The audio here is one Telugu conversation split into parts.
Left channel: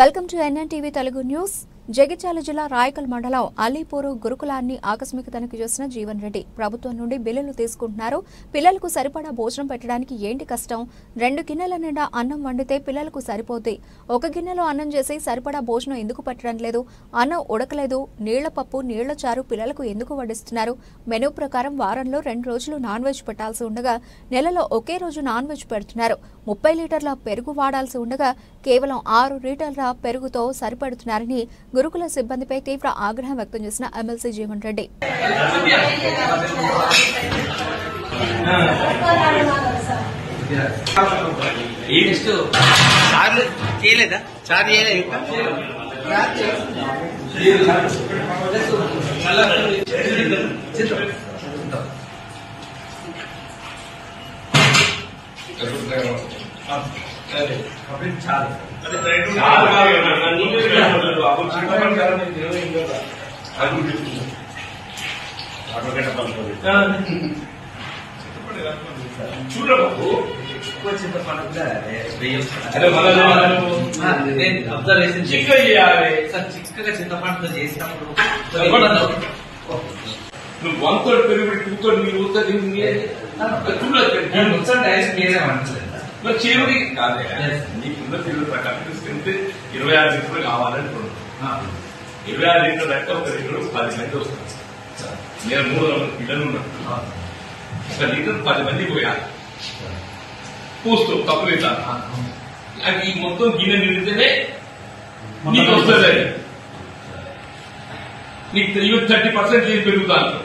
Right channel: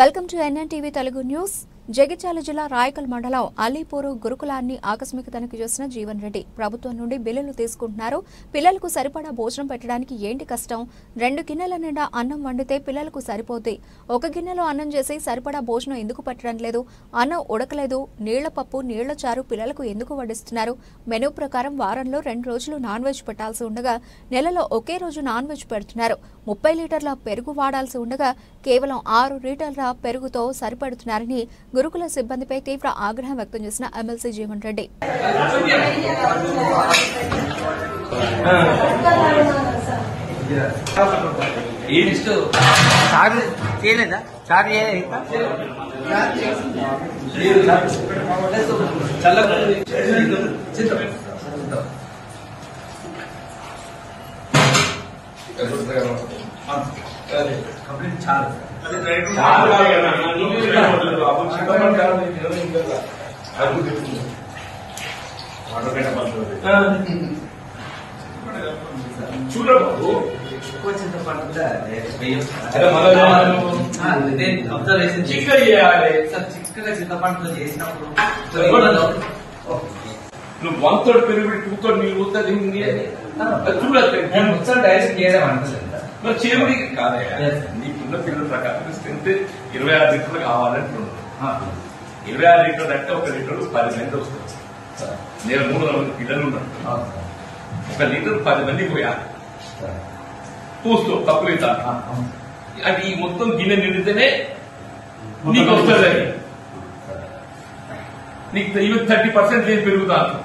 Welcome to NNTV Telugu news. Jagtial జిల్లా రాయకల్ మండలం అలీపూరు గురుకులాన్ని ఆకస్మిక తనిఖీ చేసిన జీవన్ రెడ్డి ప్రభుత్వం నుండి బిల్లులు తీసుకుంటున్నారు. పిల్లలకు సరిపడా భోజనం పెట్టడానికి ఏంటి కష్టం? 2 గిన్నెల నిండా అన్నం వండితే పిల్లలకు సరిపోద్ది. 1 గిన్నెలో అన్నం చేసి సరిపడా భోజనం ఎందుకు పెట్టడం లేదు? అన్నం ఉడకలేదు. నీళ్ల పప్పు, నీళ్ల చారు పిల్లలకు ఎందుకు వడ్డిస్తున్నారు? మెనూ ప్రకారం వారంలో 2 రోజులు నాన్ వెజ్ పెట్టాల్సి ఉండగా నెలలో ఒకే రోజు నాన్ వెజ్ పెడుతున్నారు. 30 లీటర్ల పెరుగు వాడాల్సి ఉండగా కేవలం 6 లీటర్ల పెరుగుతో సరిపెడుతున్నారని గురుకుల సిబ్బందిపై తీవ్ర ఆగ్రహం వ్యక్తం చేసిన ఎమ్మెల్సీ జీవన్ రెడ్డి. అబ్జర్వేషన్ చిక్కగా చేయాలి సార్. చిక్కగా చింతపండుతో చేసినప్పుడు నువ్వు 1/3 పెరుగు 2/3 నీళ్ళు చూడాలి. డైరెక్ట్ చేయడం అంటుంది చేరుది కాదే. నీకున్న పిల్లల ప్రకారం స్ట్రెంత్ 26 లీటర్లు కావాలంటున్నాను. 26 లీటర్లు అంటే 1 లీటర్ 10 మంది వస్తుంది. నేను 300 పిల్లలు ఉన్నాను. 1 లీటర్ 10 మంది పోయాలి. పూస్తూ కప్పులు ఇస్తాను. అది మొత్తం గిన్నె నిండితేనే నీకు వస్తుంది. నీకు 30% పెరుగుతాను.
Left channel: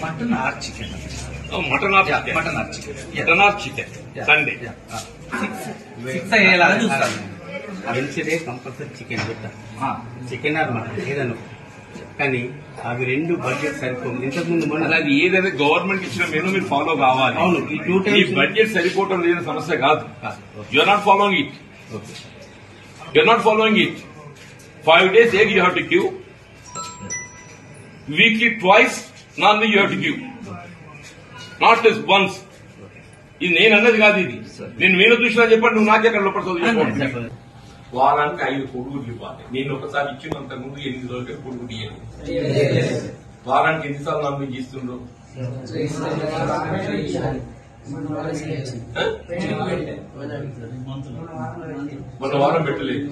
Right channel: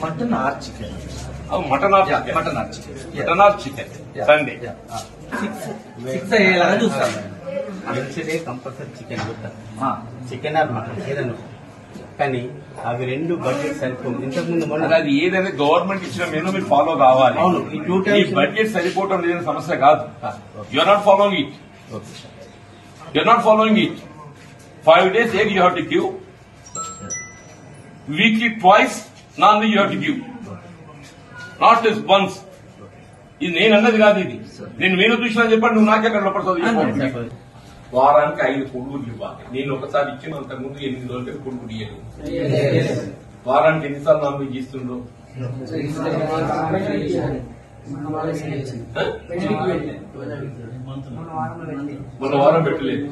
Mutton or chicken, mutton or chicken Sunday 6 అయ్యేలాగా చూస్తాను. వెన్స్డే కంపల్సరీ చికెన్ చూద్దాం, చికెన్ ఆర్ మటన్ ఏదన్నా. కానీ అవి 2 బడ్జెట్ సరిపోతుంది. ఇంతకుముందు మనం అది ఏదైనా గవర్నమెంట్ ఇచ్చిన మెనూ మీరు ఫాలో కావాలి. అవును, ఈ 2 టైమ్స్ బడ్జెట్ సరిపోవటం లేని సమస్య కాదు. You're not following it. You're not following it. 5 days egg you have to give. Weekly twice non-veg you have to give. Not just once. ఇది నేను అన్నది కాదు. ఇది నేను మీరు చూసినా చెప్పండి. నువ్వు నాకెక్కడ లోపడుతుంది. వారానికి 5 పొడుగులు ఇవ్వాలి. నేను ఒకసారి ఇచ్చినంత ముందు 8 రోజులకి పొడుగులు ఇవ్వాలి. వారానికి ఎన్నిసార్లు నాన్ వెజ్ ఇస్తుండ్రు? మొన్న వారం పెట్టలేదు.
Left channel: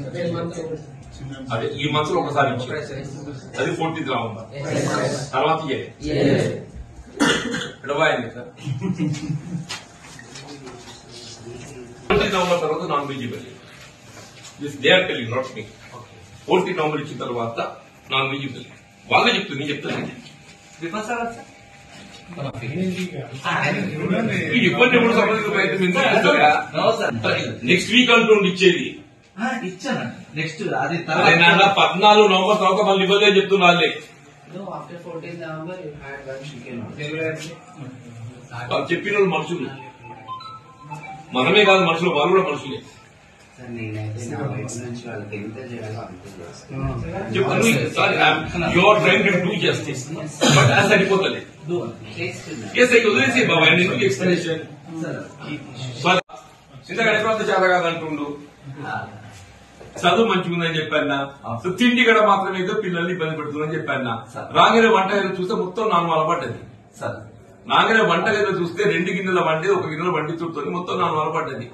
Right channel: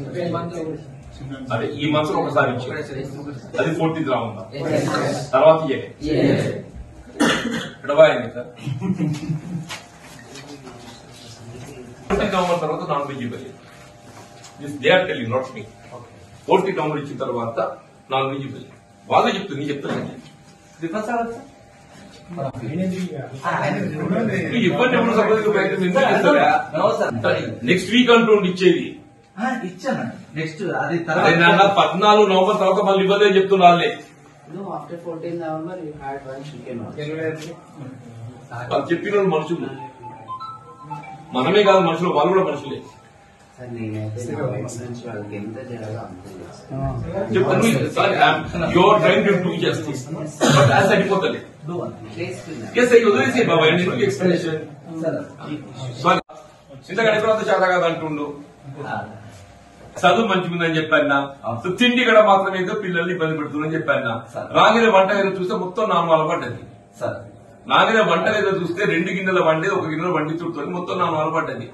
అదే ఈ మంత్లో ఒకసారి ఇచ్చారు. అది 14th రావు. తర్వాత ఎడబాయింది సార్. 20 నవంబర్ తర్వాత నాన్ వెజ్ ఇవ్వాలి. They are telling, not me. 14 November ఇచ్చిన తర్వాత నాన్ వెజ్ ఇవ్వాలి. వాళ్ళే చెప్తుంది, నేను చెప్తున్నాను. ఇబ్బంది కూడా సంబంధించిన ప్రయత్నం ఎందుకు చేస్తారా? నెక్స్ట్ వీక్ అంటుండి ఇచ్చేది. ఇచ్చాను నెక్స్ట్. అది 14 నవంబర్ తర్వాత మళ్ళీ ఇబ్బంది అని చెప్తున్నా. వాళ్ళే after 14 November you had one chicken. వాళ్ళు చెప్పిన వాళ్ళు మనుషులు, మనమే కాదు మనుషులు, వాళ్ళు కూడా మనుషులే. సార్ నేనైతే నా వైఫ్ నుంచి వాళ్ళకి ఎంత జరగాలో your trying to do justice, but అది సరిపోతుంది. వదిలేసే బాబా, ఎందుకు ఎక్స్ప్లెనేషన్? చింతగడ్డ తర్వాత చాలా కాదు అంటుండు. చదువు మంచిగుందని చెప్పాను. తిండి కూడా మాత్రమే ఏదో పిల్లల్ని ఇబ్బంది పెడుతుందని చెప్పాను. రాగిన వంట గదిలో చూస్తే మొత్తం నాలుగు అలపడ్డది. నాగిన వంట గదిలో చూస్తే 2 గిన్నెల వండేది 1 గిన్నెల వండితుడుతుంది, మొత్తం నాలుగు అలపడ్డది.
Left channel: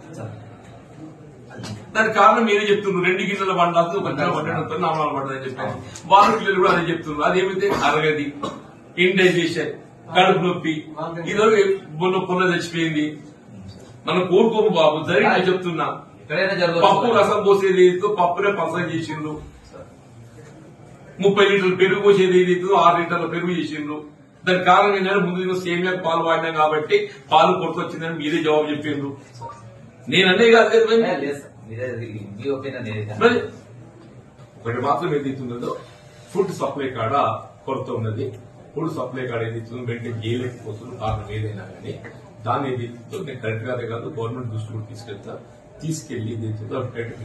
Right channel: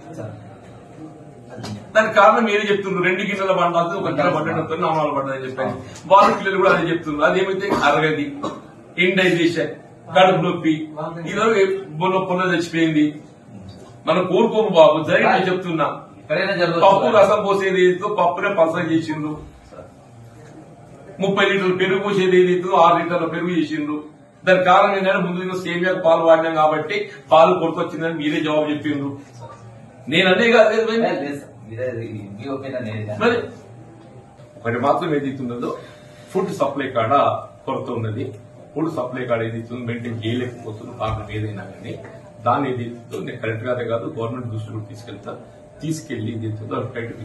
దానికి కారణం ఏది చెప్తున్నారు? 2 గిన్నెల వండాల్సి 1 గిన్నెల వండడంతో నామాలు పడ్డదని చెప్పాను. వాళ్ళ పిల్లలు కూడా అదే చెప్తున్నారు. అదేమైతే అరగది, ఇండైజేషన్, కడుపు నొప్పి, ఇదో పొన్న తెచ్చిపోయింది. మనం కోరుకోము బాబు, జరిగి చెప్తున్నా. పప్పు రసం పోసేది ఏదైతే పప్పునే పసరం చేసిండ్రు. 30 లీటర్లు పెరుగు పోసేది ఏదైతే 6 లీటర్ల పెరుగు చేసిండ్రు. దానికి కారణం ఏంటంటే ముందు సేమియా పాలు వాడినాం కాబట్టి పాలు కొడుకొచ్చిందని మీరే జవాబు చెప్పిండ్రు. నేను అనే కాదు మరి. ఒకటి మాత్రం ఏదైతున్నదో, ఫుడ్ సప్లై కాడ కొరత ఉన్నది. ఫుడ్ సప్లై కాడ ఏదైతుందో మెయింటైన్ చేయలేకపోతుంది. కారణం ఏదైనా కానీ దాన్ని ఏదైతుందో నేను కరెక్ట్ గానే కాదు, గవర్నమెంట్ దృష్టికి తీసుకెళ్తా. తీసుకెళ్లి ఏదైతుందో బయటకు